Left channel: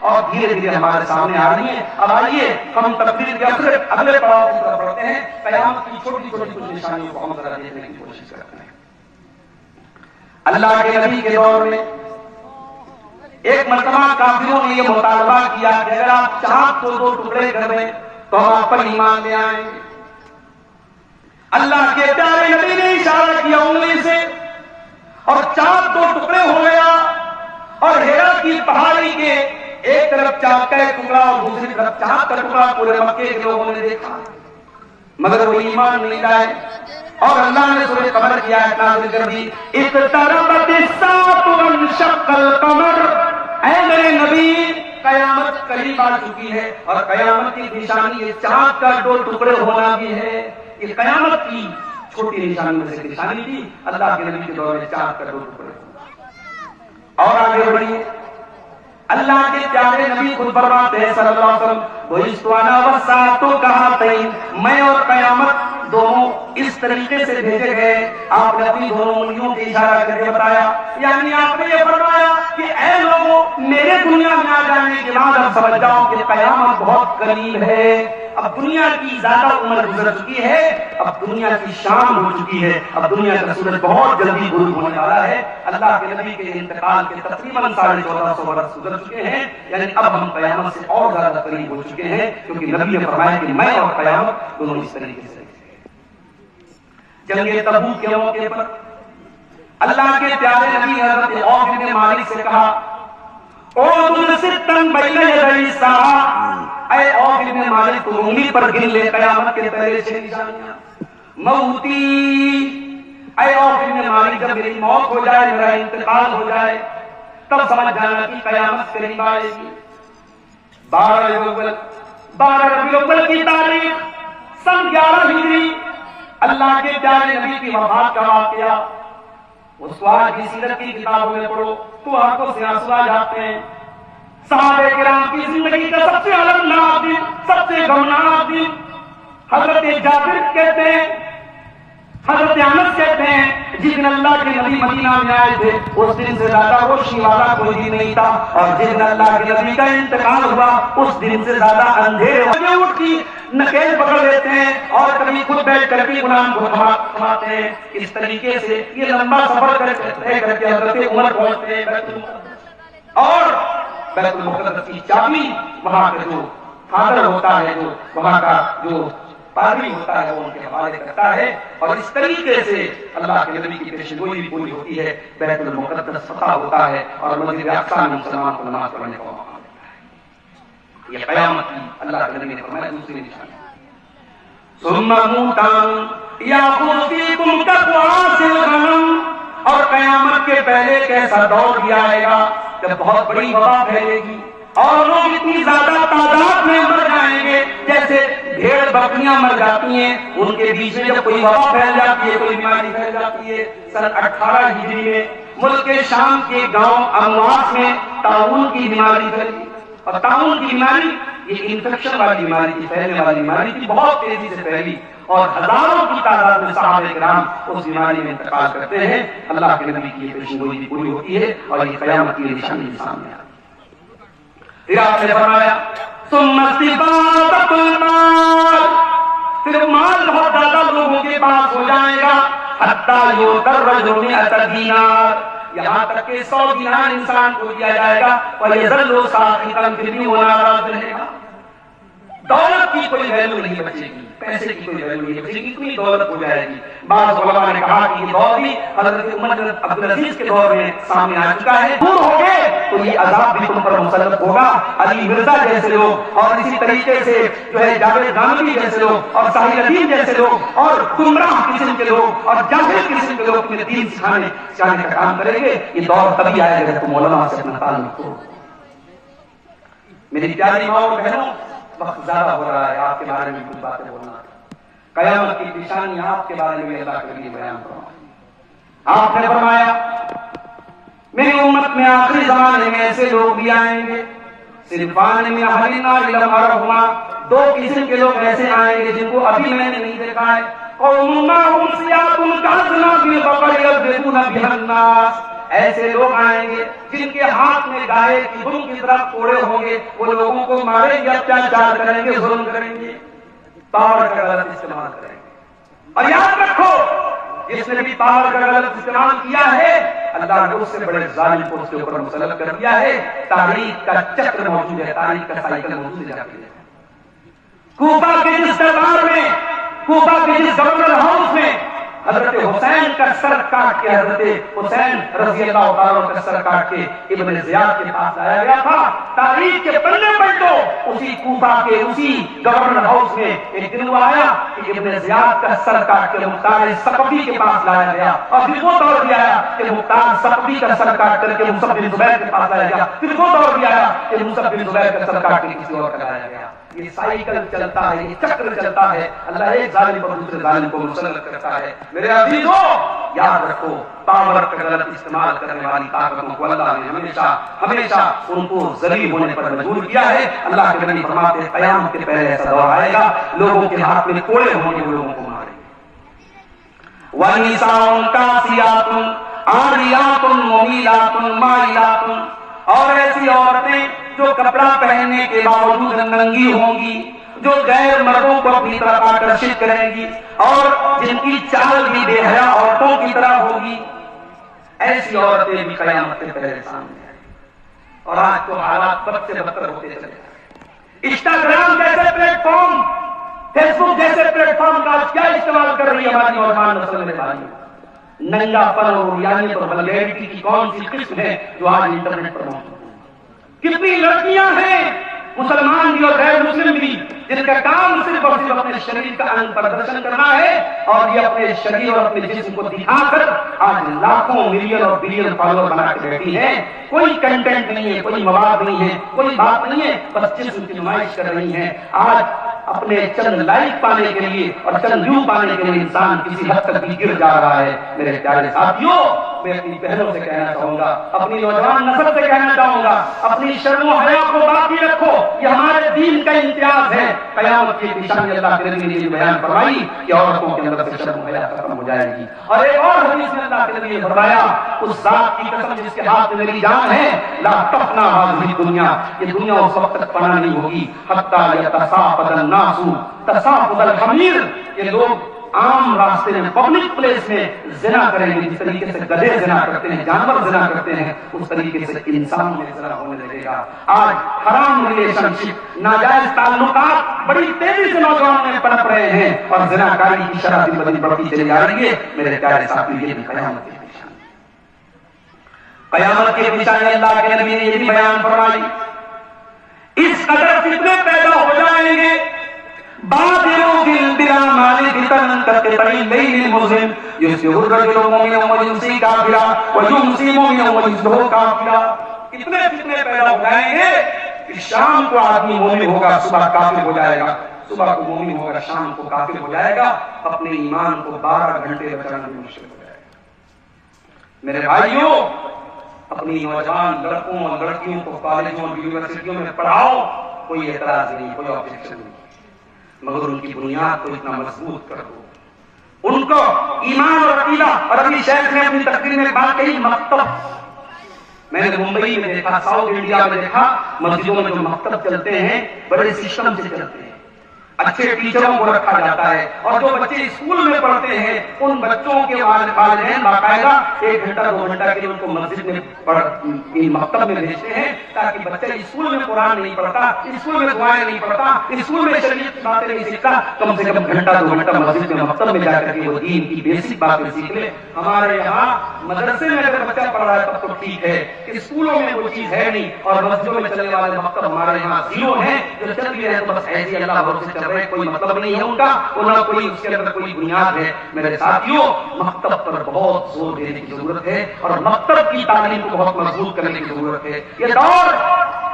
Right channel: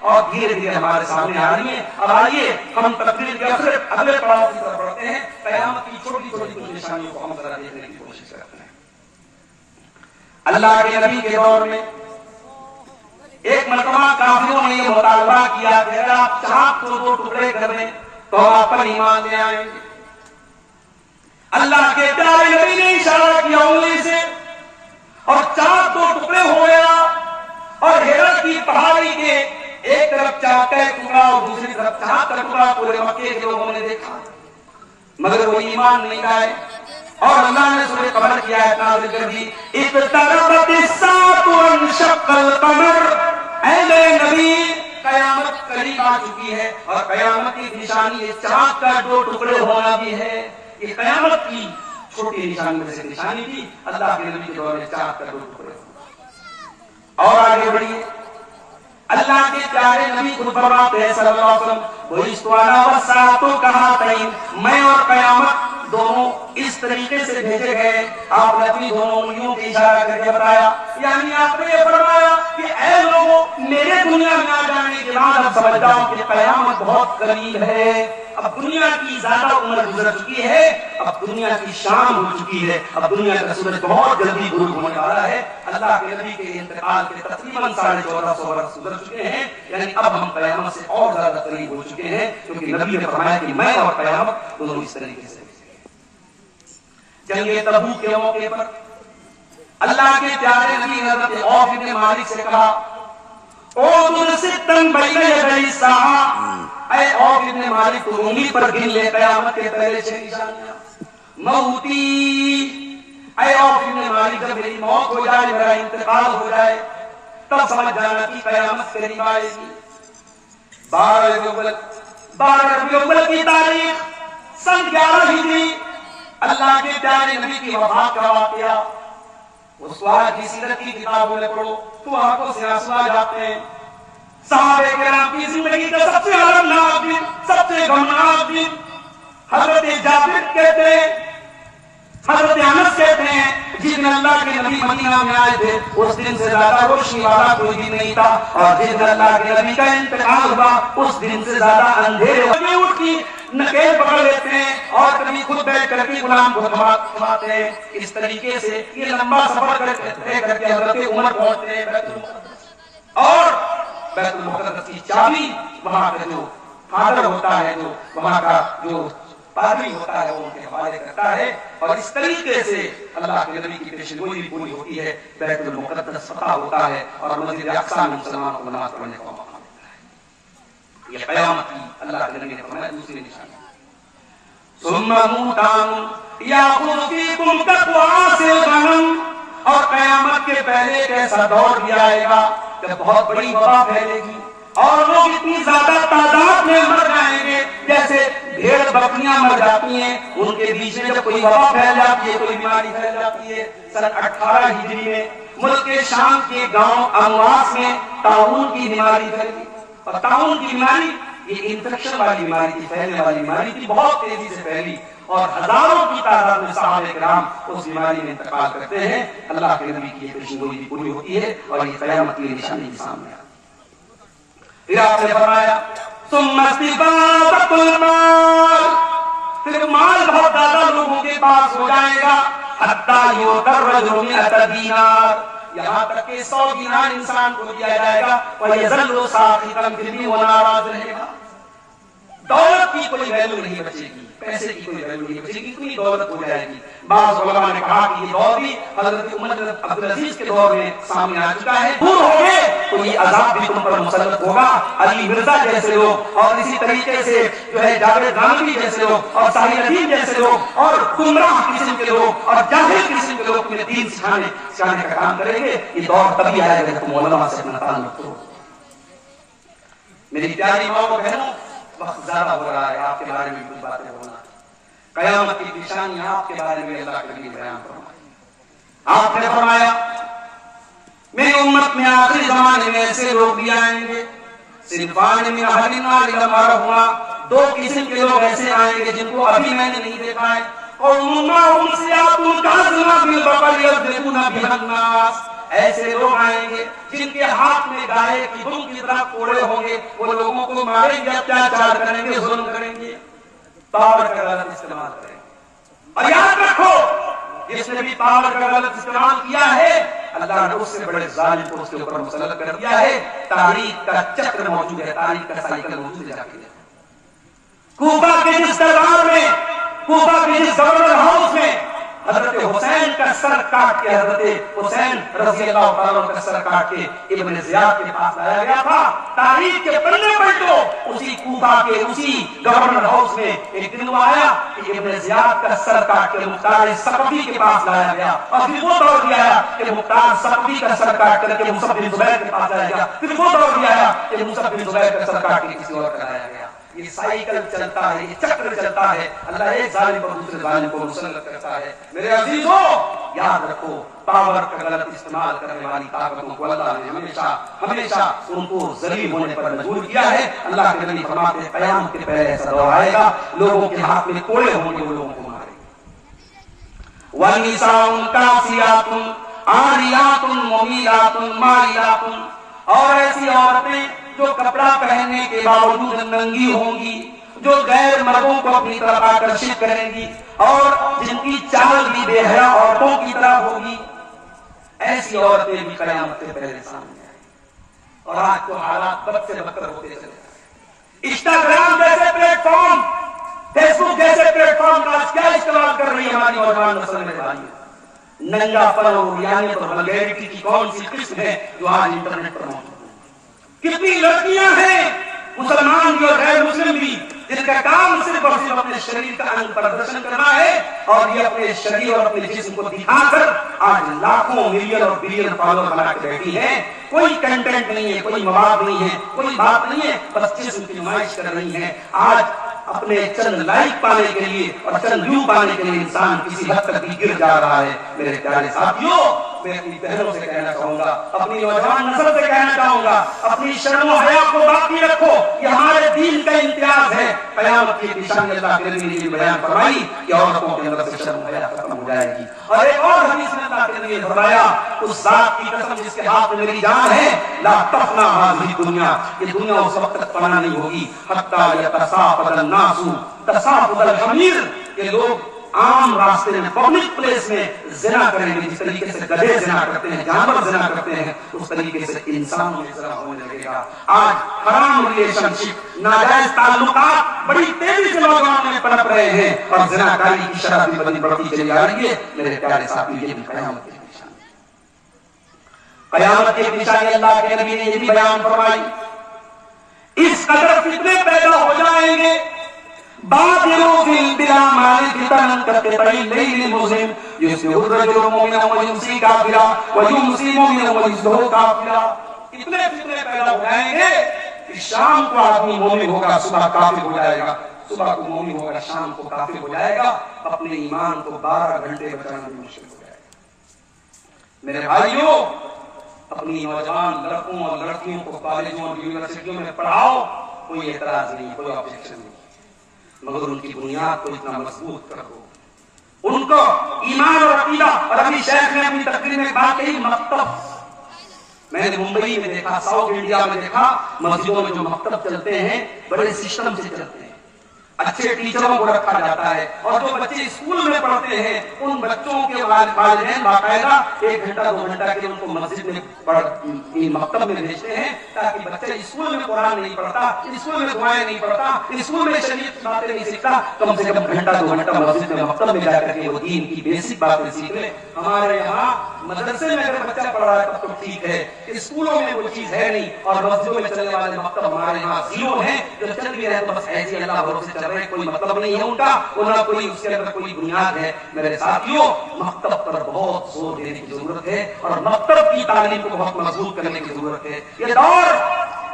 اور دھیرے دھیرے ہمارے سامنے آ رہی ہیں. اب آئیے ہم تقریر کے اگلے پڑاؤ کی طرف بڑھتے ہیں. قیامت کی چھوٹی چھوٹی کچھ نشانیوں کو ہم ذرا دیکھنے کی کوشش کرتے ہیں. اللہ کے نبی کے دور میں ایک مرتبہ کافروں نے یہ مطالبہ کیا کہ اگر آپ چاند کو 2 ٹکڑے کر دیں تو ہم آپ پر ایمان لے آئیں گے. اللہ کے پیارے نبی نے اشارہ کیا انگلی سے اور چاند 2 ٹکڑے ہو گیا اور ہیرا کی پہاڑی کے ایک طرف چاند کا ٹکڑا اور دوسری طرف چاند کا ٹکڑا پورے مکے کے لوگوں نے دیکھا مگر وہ ایمان نہیں لائے. اور اللہ نے سورہ قمر کی آیت نازل کر دی اقتربت الساعة وانشق القمر. اے میرے نبی قیامت قریب آ چکی ہے اور قیامت کی نشانی یہ چاند کا 2 ٹکڑے ہونا بھی ہے. یہ قیامت کی چھوٹی نشانی میں سے نشانی تھی. اللہ کے نبی کے دور میں چاند کا 2 ٹکڑے ہونا. اور آگے بڑھیے اللہ کے پیارے نبی خود فرماتے ہیں صلی اللہ علیہ وسلم بعثت انا والساعة كهاتین. میں اور قیامت دونوں اس طریقے سے بھیجے گئے. آپ نے اپنی دونوں انگلیوں کی اشارہ کر کے بتایا یعنی آپ نے یہ فرمایا کہ اے لوگوں میرے دنیا میں آ جانے کے بعد اب سمجھ جاؤ کہ قیامت بہت قریب ہے. اب دنیا کی زیادہ عمر گزر چکی ہے. اب دنیا کی شام ہو چکی ہے. اب دنیا کا سورج بہت جلدی غروب ہونے والا ہے. اللہ کے نبی کے انتقال کے تقریباً 1450 برس گزر چکے ہیں. یعنی اب ہم قیامت سے اور زیادہ قریب ہو چکے ہیں کیونکہ نبی نے فرمایا کہ میں اور قیامت دونوں اس طریقے سے. جنگ تبوک کے موقع پر اللہ کے پیارے نبی نے حضرت عوف ابن مالک سے کہا اعدد ستن بین یدی الساعہ. اے عوف ابن مالک تو انگلی پر گن لے قیامت کے پہلے 6 نشانیاں. موتی. اے عوف ابن مالک جب میری موت ہو جائے میرا انتقال ہو جائے تب سمجھ جانا کہ قیامت قریب آئے گی. 12 ربیع الاول کی تاریخ سن 11 ہجری اللہ کے پیارے نبی کی وفات کا واقعہ اس وقت کی سیرت کی کتابوں میں پڑھو تو آنکھوں سے آنسو آ جاتے ہیں. صحابہ کرام کی زندگی کا سب سے المناک دن سب سے غمناک دن. حضرت جابر کہتے ہیں حضرت انس کہتے ہیں جس دن اللہ کے نبی مدینہ میں آئے تھے اس دن سے زیادہ روشنی والا کوئی دن نہیں تھا اور جس دن اللہ کے نبی کا انتقال ہوا اس دن سے زیادہ اندھیرے ہوئے. نکیل پکڑ لیتے ہیں اور کبھی خود بیٹھ کر بھی غلام کو تھماتے ہیں. اس طریقے سے یہ لمبا سفر کر کے حضرت عمر پہنچتے ہیں بیت المقدس. اور بیت المقدس کی چابی وہاں کا جو فادر ہوتا ہے جو وہاں کا جو پادری ہوتا ہے وہ ان کے حوالے کرتا ہے اور اس طریقے سے اللہ کے نبی کی پیشن گوئی بھی پوری ہوتی ہے. بیت المقدس فتح ہوتا ہے اور مسجد اقصی میں مسلمان کو نماز پڑھنے کا موقع ملتا ہے. یہ قیامت کی اللہ کے نبی نے فرمایا دوسری نشانی. ثم موتان یاخذ فیکم کقواس الغنم. اور قیامت کے پہلے ایک ایسا دور بھی آئے گا جب بہت بڑی وبا پھیلے گی اور لوگ اتنی زیادہ تعداد میں مر جائیں گے جیسے بھیڑ بکریاں مر جاتی ہیں. ان کے بیچ میں جب کوئی وبا پھیل جاتی ہے کوئی بیماری پھیل جاتی ہے. سن 18 ہجری میں ملک شام کے گاؤں امواس میں طاعون کی بیماری پھیلی. اور طاعون کی بیماری یہ انفیکشن والی بیماری تھی پھیلنے والی بیماری تھی بہت تیزی سے پھیلی اور ہزاروں کی تعداد میں صحابہ کرام اس بیماری میں انتقال کرتے ہیں. اللہ کے نبی کی پیشن گوئی بھی پوری ہوتی ہے اور یہ قیامت کی نشانی کے سامنے آتی ہے. پھر آپ نے فرمایا ثم استفاضت المال. پھر مال بہت زیادہ لوگوں کے پاس ہو جائے گا حتی یؤتی الرجل 100 دینار. یہاں تک کہ 100 دینار انسان کو دیا جائے گا وَيَظَلُّ سَاخِطًا. پھر بھی وہ ناراض رہے گا. دولت کی کوئی ویلو نہیں بچے گی پیسے کی کوئی ویلو نہیں بچے گی اتنی دولت ہو جائے گی. بعض علماء نے کہا کہ یہ دور بھی حضرت عمر بن عبدالعزیز کے دور میں سامنے آ چکا ہے. دور ہو گئے تو یہ عذاب بھی تم پر مسلط ہوگا. علی مرزا جیسے لوگ اور اسی طریقے سے جو ہے جاوید گانوی جیسے لوگ اور صالح ندیم جیسے لوگ اور گمراہ قسم کے لوگ اور جاہل قسم کے لوگ تمہیں دین سکھانے کا کام کریں گے. یہ دور تبھی آئے گا تم علماء سے اپنا تعلق کرو. میری پیاری ماں اور بہنوں وقت زیادہ ہو رہا ہے آپ کے بارے میں کچھ باتیں بولنا. قیامت کی نشانی آپ کے بارے میں اللہ کے لیے بیان فرمایا. آپ نے فرمایا میری امت میں آخری زمانے میں ایسے لوگ بھی آئیں گے صنفان من اہل النار لم ارہما. 2 قسم کے لوگ ایسے آئیں گے جن کو ابھی میں نے نہیں دیکھا ہے. قوم معهم ثياب كأسناب البقر يضربون بها الناس. ایسے لوگ آئیں گے جن کے ہاتھ میں گائے کی دم کی طرح کوڑے ہوں گے، وہ لوگوں کو ماریں گے، اتیاچار کریں گے، ظلم کریں گے، پاور کا غلط استعمال کریں گے۔ اور یاد رکھو، جس نے بھی پاور کا غلط استعمال کیا ہے، اللہ نے اس سے بڑے ظالم کو اس کے اوپر مسلط کر دیا ہے۔ تاریخ کا چکر موجود ہے، تاریخ کا سائیکل موجود ہے۔ جا کے کوفہ کے جس دربار میں، کوفہ کے جس گورنر ہاؤس میں حضرت حسین کا سر کاٹ کے، حضرت حسین رضی اللہ تعالیٰ کا سر کاٹ کے ابن زیاد کے پاس لایا گیا تھا، تاریخ کے پلے پلٹو، اسی کوفہ کے اسی گورنر ہاؤس میں ایک دن وہ آیا کہ ابن زیاد کا سر کاٹ کے مختار ثقفی کے پاس لایا گیا، اور پھر وہ دور بھی آیا کہ مختار ثقفی کا سر کاٹ کر کے مصعب بن زبیر کے پاس لایا گیا، پھر وہ دور بھی آیا کہ مصعب بن زبیر کا سر کاٹ کے کسی اور کا لایا گیا۔ یہ سائیکل چلتا ہے، یہ چکر چلتا ہے، اللہ ایک ظالم پر دوسرے ظالم کو مسلط کرتا ہے۔ میرے عزیزو، یاد رکھو، پاور کا غلط استعمال کرنے والی طاقتوں کو اللہ نے ہمیشہ ان کو ذلیل ہونے پر مجبور کیا ہے۔ اللہ کے نبی فرماتے ہیں قیامت کے پہلے ایسا دور آئے گا، لوگوں کے ہاتھ میں کوڑے ہوں گے، وہ لوگوں کو ماریں گے۔ وَنِسَاءٌ كَاسِيَاتٌ عَارِيَاتٌ مُمِيلَاتٌ مَائِلَاتٌ، اور ایسی عورتیں جو کپڑا پہننے کے باوجود ننگی ہوں گی، جو غیر مردوں کو اپنی طرف آکرشت کریں گی، اور جن کی چال بھی بے حیا عورتوں کی طرح ہوگی، ایسی عورتیں بھی قیامت کے پہلے سامنے آئیں۔ اور آج تو حالات بد سے بدتر ہوتے چلے جا رہے ہیں۔ انسٹاگرام جیسے پلیٹ فارم، فیس بک جیسے پلیٹ فارم کا کیا استعمال کر رہی ہے ہماری نوجوان نسل میں بھائیوں؟ ننگا پن اور ریانیت اور ولیرٹی کی کون سی قسم ہے جو آج انٹرنیٹ پر موجود ہے؟ کتنی لڑکیاں ہیں، مسلمان بھی اور غیر مسلم بھی، جن کا کام صرف اور صرف اپنے شریر کا انگ پردرشن کرنا ہے، اور یہ اپنے شریر اور اپنے جسم کو دکھا کر آج لاکھوں ملین اور بلین فالوور بنا کے بیٹھی ہیں۔ کوئی کنٹینٹ نہیں ہے، کوئی مواد نہیں ہے، کوئی بات نہیں ہے، بس جسم کی نمائش کر رہی ہیں۔ آج اپنے چند لائک پانے کے لیے اور چند ویو پانے کے لیے انسان کسی حد تک بھی گر جا رہا ہے۔ میرے پیارے ساتھیوں، میں اپنی بہنوں سے کہنا چاہوں گا، اپنی نوجوان نسل سے کہنا چاہوں گا، اپنی شرم و حیا کو باقی رکھو، یہ ہمارے دین کا امتیاز ہے۔ قیامت کی نشانی اللہ کے نبی نے یہ بیان فرمائی کہ عورتوں کے اندر سے شرم و حیا ختم ہو جائے گی۔ اور ایک اور حدیث میں اللہ کے نبی نے فرمایا، اس ذات کی قسم جس کے ہاتھ میں میری جان ہے، لا تفنا هذه الدنيا، یہ دنیا اس وقت تک فنا نہیں ہوگی، حتی یتساقط الناس تساقط الحمیر، یہ لوگ عام راستے میں، پبلک پلیس میں زنا کریں گے، جس طریقے سے گدھے زنا کرتے ہیں، جانور زنا کرتے ہیں، اس طریقے سے انسان میں زنا ہونے لگے گا۔ آج حرام ریلیشن شپ، ناجائز تعلقات بڑی تیزی سے نوجوانوں میں پنپ رہے ہیں، اور زنا کاری کی شرح بھی بڑھتی چلی آ رہی ہے۔ میرے پیارے ساتھی، یہ بھی قیامت کی نشانی، قیامت کی نشانی اللہ کے نبی نے یہ بھی بیان فرمائی۔ اس قدر فتنے پیدا ہو جائیں گے، بادروا بالأعمال فتنة كقطع الليل المظلم يصبح الرجل مؤمنا ويمسي كافرا ويمسي مؤمنا ويصبح كافرا۔ اتنے فتنے پیدا ہو جائیں گے کہ شام کو آدمی مومن ہوگا، صبح کافر ہو جائے گا، صبح کو مومن ہوگا، شام کو کافر ہو جائے گا۔ اپنے ایمان کو 12 گھنٹے بچانا بھی مشکل ہو جائے گا۔ میرے بھائیوں، اپنی نوجوان لڑکوں اور لڑکیوں کو کالجوں اور یونیورسٹیوں میں پڑھاؤ، کوئی اعتراض نہیں، کوئی آبجیکشن نہیں، مگر ان کی بنیاد کو اتنا مضبوط کر دو، ان کو ایمان اور عقیدہ۔ اور ابھی شیخ نے اپنی تقریر میں بات کہی، مکتب، میں نے ممبئی میں دیکھا، ساؤتھ انڈیا میں دیکھا، مسجدوں میں جو مکتب چلتے ہیں بڑے سسٹم سے چلتے ہیں، اچھے ٹیچروں کو رکھا جاتا ہے، اور جو بچے اسکول میں پڑھتے ہیں ان بچوں کے والدین باقاعدہ 1 گھنٹہ 2 گھنٹہ کے ان کو مسجد میں مکتب میں بھیجتے ہیں، تاکہ بچہ اسکول میں قرآن نہیں پڑھتا، اسکول میں دعائیں نہیں پڑھتا، اسکول میں شریعت کی باتیں نہیں سیکھتا، کم سے کم گھنٹہ 2 گھنٹہ مسجد میں مکتب میں جا کر کے وہ دین کی بیسک باتیں سیکھ لے۔ ہمارے یہاں مدرسے میں اگر بچہ پڑھ رہا ہے تب تو ٹھیک ہے، اسکولوں میں وہ چیز ہے نہیں، اور مسجدوں میں چلنے والے مکتب ہمارے یہاں زیرو ہیں، جو چل بھی رہے تو بس ایسے ہی اللہ بھروسے چل رہے، کوئی مطلب نہیں ہے ان کا، انہوں کوئی اس کے اندر کوئی بنیاد ہے۔ میرے ساتھیوں، مکتب پر بہت زور دینے کی ضرورت ہے، اور مکتب کی تعلیم کو بہت مضبوط کرنے کی ضرورت ہے۔ یہ دور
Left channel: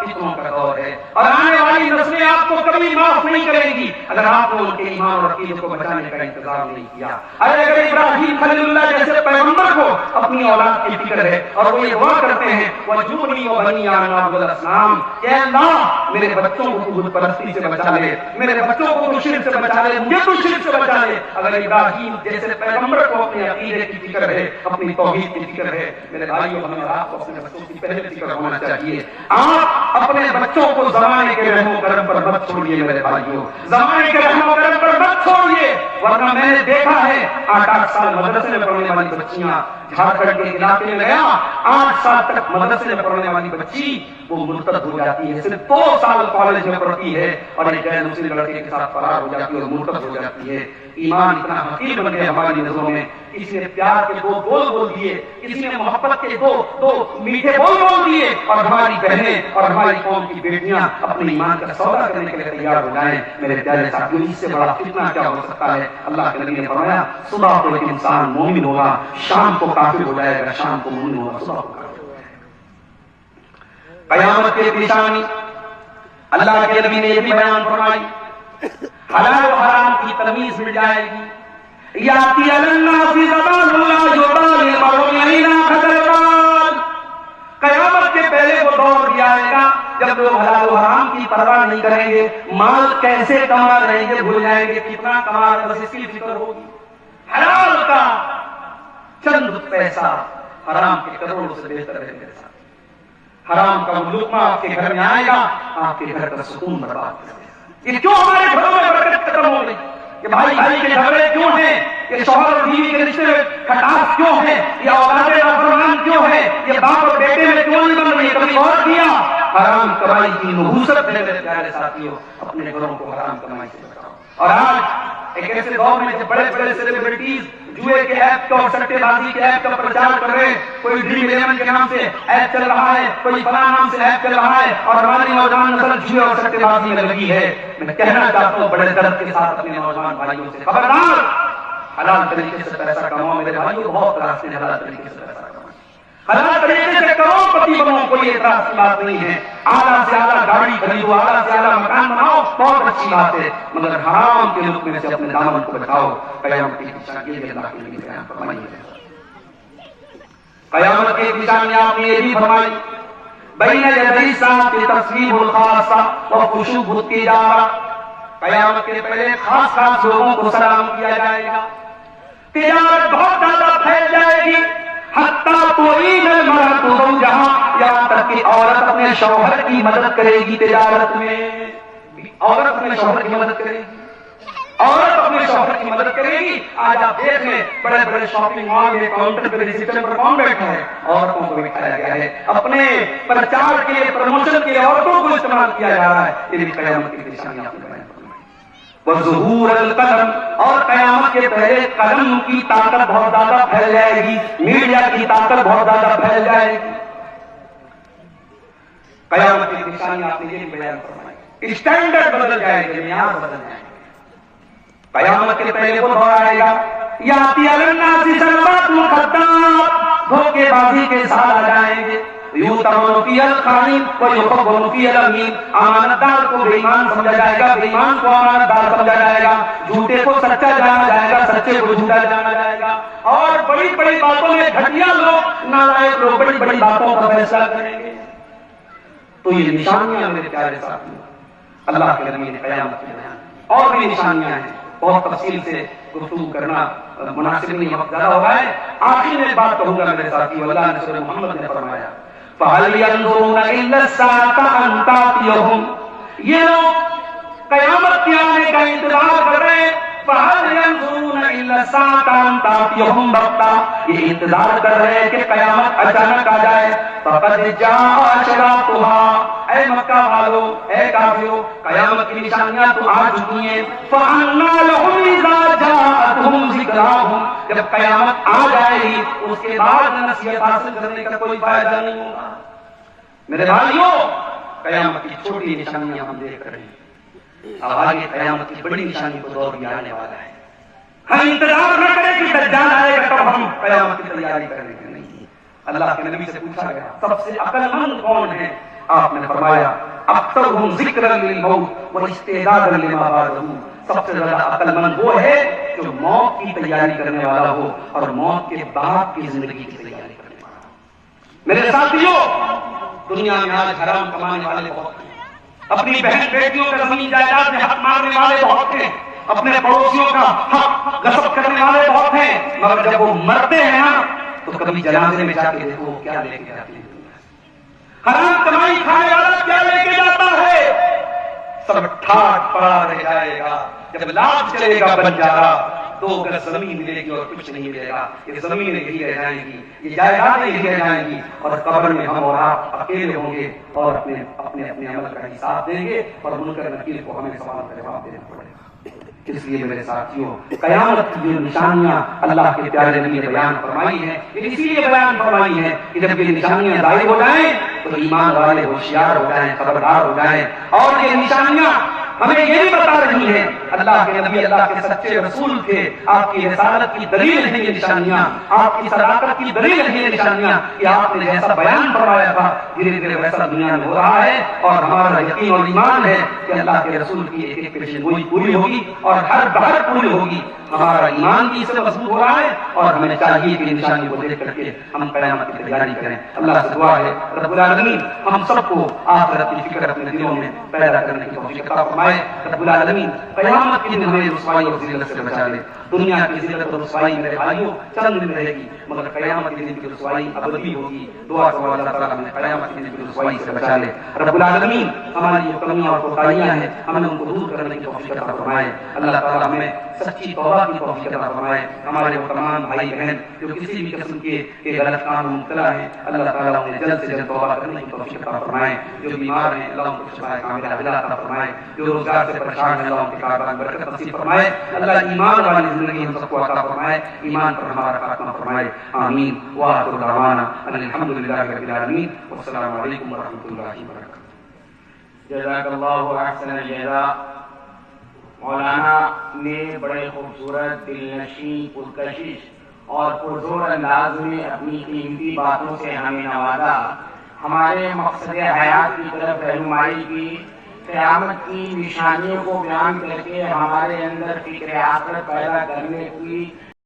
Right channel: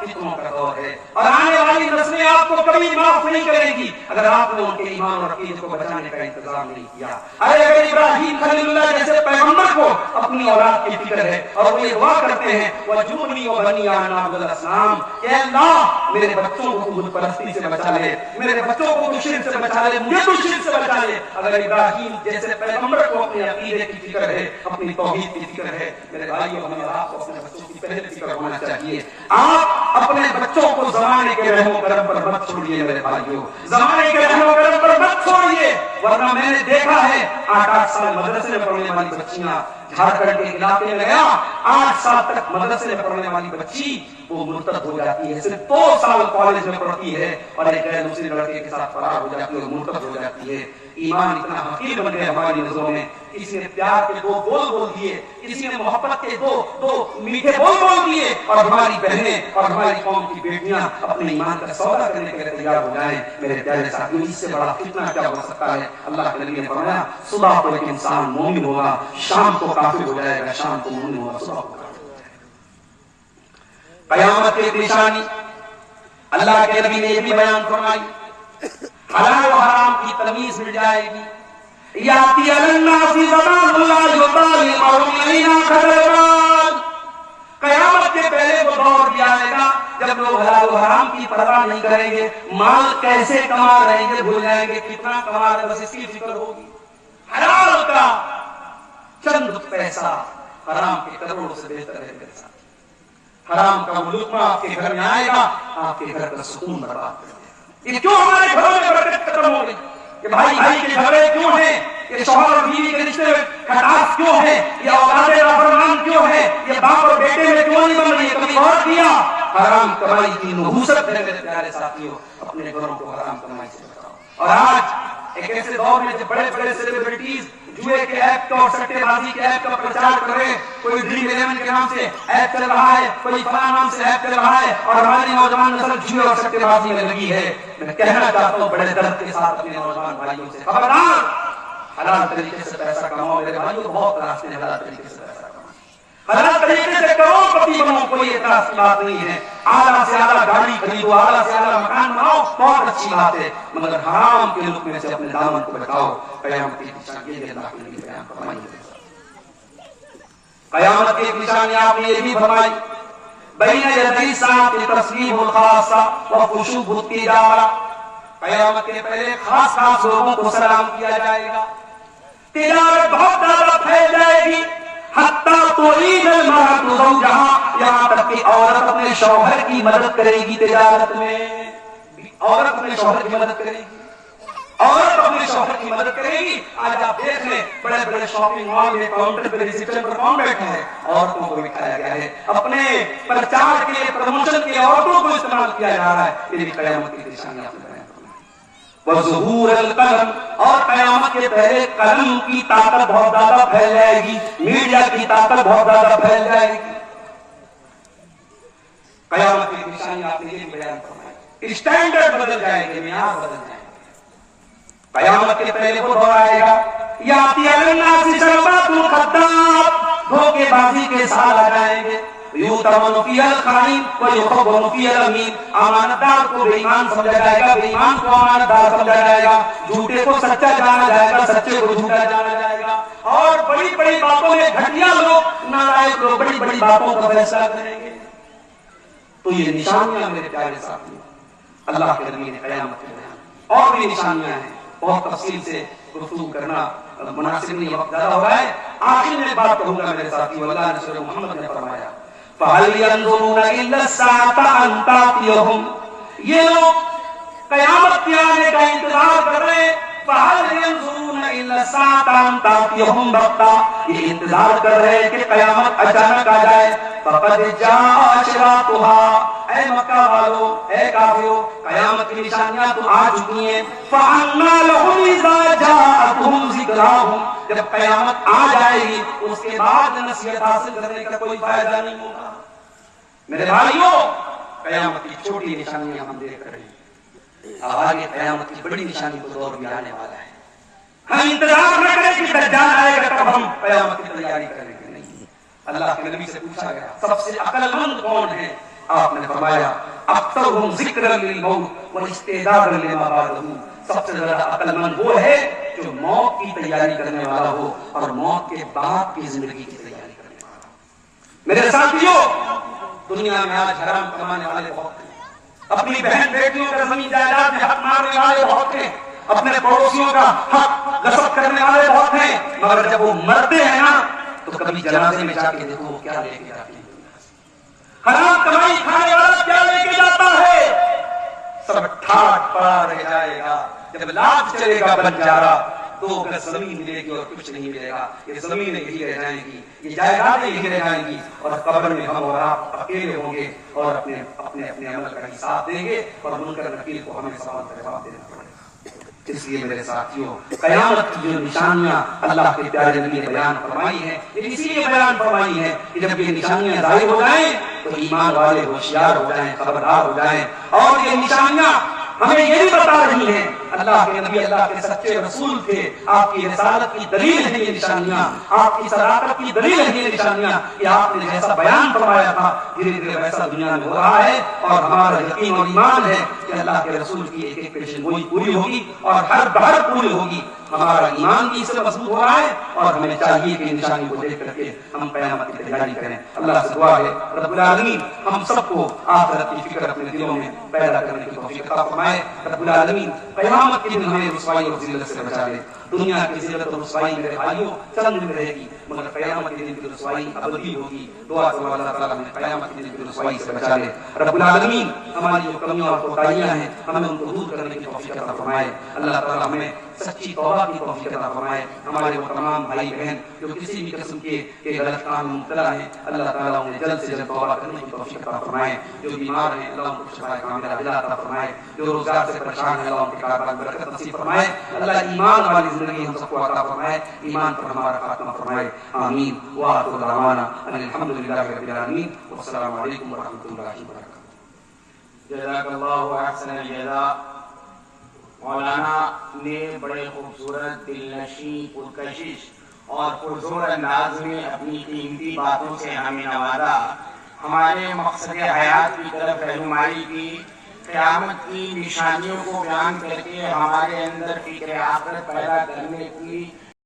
فتنوں کا دور ہے اور آنے والی نسلیں آپ کو کبھی معاف نہیں کریں گی اگر آپ نے ان کے ایمان اور عقیدے کو بچانے کا انتظام نہیں کیا۔ اگر ابراہیم خلیل اللہ جیسے پیغمبر کو اپنی اولاد کی فکر ہے اور وہ یہ دعا کرتے ہیں وَجُبْنِي وَبَنِيَّ أَن نَعْبُدَ الْأَصْنَامَ، کہ اللہ میرے بچوں کو بت پرستی سے بچا لے، میرے بچوں کو تو شرک سے بچا لے، مجھے تو شرک سے بچا لے۔ اگر ابراہیم جیسے پیغمبر کو اپنے عقیدے کی فکر ہے، اپنی توحید کی فکر ہے، میرے بھائیوں ہمیں آپ کو اپنے بچوں کی پہلے فکر ہونا چاہیے۔ آپ اپنے بچوں کو زمانے کے رحم و کرم پر مت چھوڑیے میرے بھائیوں، زمانے کے رحم و کرم پر مت چھوڑیے، ورنہ میں نے دیکھا ہے 8-8 سال مدرسے میں پڑھنے والی بچیاں، جھارکھنڈ کے علاقے میں گیا 8 سال تک مدرسے میں پڑھنے والی بچی وہ مرتد ہو جاتی ہے، صرف 2 سال کالج میں پڑھتی ہے اور ایک غیر مسلم لڑکے کے ساتھ فرار ہو جاتی ہے اور مرتد ہو جاتی ہے۔ ایمان اتنا حقیر بن گیا ہماری نظروں میں، کسی نے پیار کے 2 بول بول دیے، کسی نے محبت کے دو میٹھے بول دیے اور ہماری بہنیں اور ہماری قوم کی بیٹیاں اپنے ایمان کا سودا کرنے کے لیے تیار ہو جائیں۔ میرے پیارے ساتھیوں، اس سے بڑا فتنہ کیا ہو سکتا ہے؟ اللہ کے نبی نے فرمایا صبح کو ایک انسان مومن ہوگا، شام کو کافر ہو جائے گا، شام کو مومن ہوگا، صبح کو کافر ہو جائے گا۔ قیامت کی ایک نشانی اللہ کے نبی نے یہ بھی بیان فرمائی، حلال و حرام کی تمیز مل جائے گی۔ یاتی الناس زمان لا یبالی مرء اینا خلقان، قیامت کے پہلے وہ دور بھی آئے گا جب لوگ حلال و حرام کی پرواہ نہیں کریں گے، مال کیسے کما رہے ہیں بھول جائیں گے، کتنا کما رہے ہیں بس اس کی فکر ہوگی۔ حلال کا چند پیسہ حرام کے کروڑوں سے بہتر ہے میرے ساتھ۔ حرام کا لقمہ آپ کے گھر میں آئے گا، آپ کے گھر کا سکون برباد کر دے گا۔ یہ کیوں ہمارے گھروں میں برکت ختم ہو رہی؟ یہ بھائی بھائی کے جھگڑے کیوں ہیں؟ یہ شوہر اور بیوی کے رشتے میں کھٹاس کیوں ہے؟ یہ اولاد نافرمان کیوں ہے؟ یہ باپ اور بیٹے میں کیوں نہیں بن رہی؟ کبھی غور کیا؟ حرام کمائی کی نحوست ہے میرے پیارے ساتھیوں، اپنے گھروں کو حرام کمائی سے بچاؤ۔ اور آج ایک ایسے دور میں جب بڑے بڑے سیلیبریٹیز جوئے کے ایپ کا اور سٹے بازی کے ایپ کا پرچار کر رہے ہیں، کوئی ڈریم 11 کے نام سے ایپ چل رہا ہے، کوئی فلاں نام سے ایپ چل رہا ہے اور ہماری نوجوان نسل جوئے اور سٹے بازی میں لگی ہے۔ میں کہنا چاہتا ہوں بڑے درد کے ساتھ اپنے نوجوان بھائیوں سے خبردار، حلال طریقے سے پیسہ کماؤ میرے بھائیوں، بہت راستے ہیں حلال طریقے سے پیسہ کماؤ، حلال طریقے سے کروڑپتی بنو، کوئی اعتراض کی بات نہیں ہے۔ اعلیٰ سے اعلیٰ گاڑی خریدو، اعلیٰ سے اعلیٰ مکان بناؤ، بہت اچھی بات ہے، مگر حرام کے لقمے سے اپنے دامن کو بچاؤ۔ قیامت کی نشانی یہ اللہ کے نبی بیان فرمائیے۔ قیامت کی ایک نشانی آپ نے یہ بھی فرمائی، بین یدی الساعۃ تصویب الخاصہ وخشوع التجارہ، قیامت کے پہلے خاص خاص لوگوں کو سلام کیا جائے گا، تجارت بہت زیادہ پھیل جائے گی، حتیٰ تعین المرأۃ زوجہا، یہاں تک کہ عورت اپنے شوہر کی مدد کرے گی تجارت میں، عورت اپنے شوہر کی مدد کرے گی، عورت اپنے شوہر کی مدد کرے گی۔ آج آپ دیکھ لیں بڑے بڑے شاپنگ مال میں کاؤنٹر پہ ریسیپشن پر کون بیٹھا ہے؟ عورتوں کو بٹھایا گیا ہے، اپنے پرچار کے لیے پروموشن کے لیے عورتوں کو استعمال کیا جا رہا ہے۔ یہ بھی قیامت کی نشانی آپ نے بیان فرمائی۔ وظہور القلم، اور قیامت کے پہلے قلم کی طاقت بہت زیادہ پھیل جائے گی، میڈیا کی طاقت بہت زیادہ پھیل جائے گی۔ قیامت کی نشانی آپ نے یہ بھی بیان فرمائی، اسٹینڈرڈ بدل جائے گے، معیار بدل جائیں گے۔ قیامت کے پہلے وہ دور آئے گا، یاتی الناس شربات الخداع، دھوکے بازی کے ساتھ آ جائیں گے، یؤتمن فی الخائن ویخون فی الامین، امانت دار کو بے ایمان سمجھا جائے گا، بے ایمان کو امانت دار سمجھا جائے گا، جھوٹے کو سچا جانا جائے گا، سچے کو جھوٹا جانا جائے گا، اور بڑی بڑی باتوں میں گھٹیا لوگ، نالائق لوگ بڑی بڑی باتوں کا فیصلہ کریں گے۔ تو یہ نشانیاں میرے پیارے ساتھیوں اللہ کے نبی نے قیامت میں بیان، اور بھی نشانیاں ہیں، بہت تفصیل سے گفتگو کرنا مناسب نہیں، وقت زیادہ ہو رہا ہے۔ آخر میں بات کہوں گا میرے ساتھیوں، اللہ نے سورہ محمد میں فرمایا فَهَلْ يَنظُرُونَ إِلَّا السَّاعَةَ أَن تَأْتِيَهُمْ، یہ لوگ قیامت کے آنے کا انتظار کر رہے ہیں۔ فَهَلْ يَنظُرُونَ إِلَّا السَّاعَةَ أَن تَأْتِيَهُمْ بَغْتَةً، یہ انتظار کر رہے ہیں کہ قیامت اچانک آ جائے۔ فَقَدْ جَاءَ أَشْرَاطُهَا، اے مکہ والو، اے کافرو، قیامت کی نشانیاں تو آ چکی ہیں۔ فَأَنَّىٰ لَهُمْ إِذَا جَاءَتْهُمْ ذِكْرَاهُمْ، جب قیامت آ جائے گی اس کے بعد نصیحت حاصل کرنے کا کوئی فائدہ نہیں ہوگا۔ میرے بھائیوں، قیامت کی چھوٹی نشانیاں ہم دیکھ رہے ہیں، اب آگے قیامت کی بڑی نشانی کو دور بھی آنے والا ہے۔ ہم انتظار نہ کریں کہ دجال آئے گا تب ہم قیامت کی تیاری کریں گے، نہیں۔ اللہ کے نبی سے پوچھا گیا سب سے عقل مند کون ہے؟ آپ نے فرمایا اکثرهم ذکرا للموت واستعدادا لما بعدہ، سب سے زیادہ عقل مند وہ ہے جو موت کی تیاری کرنے والا ہو اور موت کے بعد کی زندگی کی تیاری کرنے والا ہو۔ میرے ساتھیو، دنیا میں آج حرام کمانے والے بہت ہیں، اپنی بہن بیٹیوں کا زمین جائیداد میں حق مارنے والے بہت ہیں، اپنے پڑوسیوں کا حق غصب کرنے والے بہت ہیں، مگر جب وہ مرتے ہیں نا تو کبھی جنازے میں جا کے دیکھو وہ کیا لے کے جاتے ہیں۔ حرام کمائی کھانے والا کیا لے کے جاتا ہے؟ سب ٹھاٹ پڑا رہ جائے گا، جب لاش چلے گا بنجارا، 2 گز زمین ملے گی اور کچھ نہیں ملے گا، یہ زمینیں یہی رہ جائیں گی، یہ جائیدادیں یہی رہ جائیں گی، اور قبر میں ہم اور آپ اکیلے ہوں گے اور اپنے عمل کا حساب دیں گے اور منکر نکیر کو ہمیں سوال کا جواب دینا پڑے گا۔ اس لیے میرے ساتھیوں، قیامت کی یہ نشانیاں اللہ کے پیارے نبی نے بیان فرمائی ہیں، اسی لیے بیان فرمائی ہے کہ جب یہ نشانیاں ظاہر ہو جائیں تو ایمان والے ہوشیار ہو جائیں، خبردار ہو جائیں، اور یہ نشانیاں ہمیں یہ بھی بتا رہی ہیں اللہ کے نبی، اللہ کے سچے رسول تھے، آپ کی رسالت کی دلیل ہے یہ نشانیاں، آپ کی صداقت کی دلیل ہے یہ نشانیاں کہ آپ نے جیسا بیان فرمایا تھا دھیرے دھیرے ویسا دنیا میں ہو رہا ہے، اور ہمارا یقین اور ایمان ہے کہ اللہ کے رسول کی ایک ایک پیشن گوئی پوری ہوگی اور ہر بہر پوری ہوگی۔ ہمارا ایمان بھی اس سے مضبوط ہو رہا ہے اور ہمیں چاہیے کہ نشانی کو دیکھ کر کے ہم قیامت کی تیاری کریں۔ اللہ سے دعا ہے رب العالمین ہم سب کو آخرت کی فکر اپنے دلوں میں پیدا کرنے کی توفیق عطا فرمائے۔ رب العالمین قیامت کے دن ہمیں رسوائی اور ذلت سے بچا لے۔ دنیا کی ذلت اور رسوائی میرے بھائیوں چند دن رہے گی، مگر قیامت کے دن کی رسوائی ابدی ہوگی۔ دعا کرو اللہ تعالیٰ ہمیں قیامت کے دن کی رسوائی سے بچا لے۔ رب العالمین ہماری جو کمیاں اور کوتاہیاں ہیں ہمیں ان کو دور کرنے کی توفیق عطا فرمائے۔ اللہ تعالیٰ ہمیں سچی توبہ کی توفیق عطا فرمائے۔ ہمارے وہ تمام بھائی بہن جو کسی بھی قسم کے غلط کام میں مبتلا ہیں، اللہ تعالیٰ انہیں جلد سے جلد توبہ کرنے کی توفیق عطا فرمائے۔ جو بیمار ہیں اللہ ان کو شفاء کاملہ عطا فرمائے۔ جو روزگار سے پریشان ہیں اللہ ان کے کاروبار میں برکت نصیب فرمائے۔ اللہ ایمان والی زندگی ہم سب کو عطا فرمائے، ایمان پر ہمارا خاتمہ فرمائے، آمین۔ وآخر دعوانا ان الحمد للہ رب العالمین، والسلام علیکم ورحمۃ اللہ وبرکاتہ۔ جزاک اللہ احسن الجزاء۔ مولانا نے بڑے خوبصورت، دلنشین، پرکشش اور پرزور انداز میں اپنی قیمتی باتوں سے ہمیں نوازا، ہمارے مقصد حیات کی طرف رہنمائی کی، قیامت کی نشانیوں کو بیان کر کے ہمارے اندر فکر آخرت پیدا کرنے کی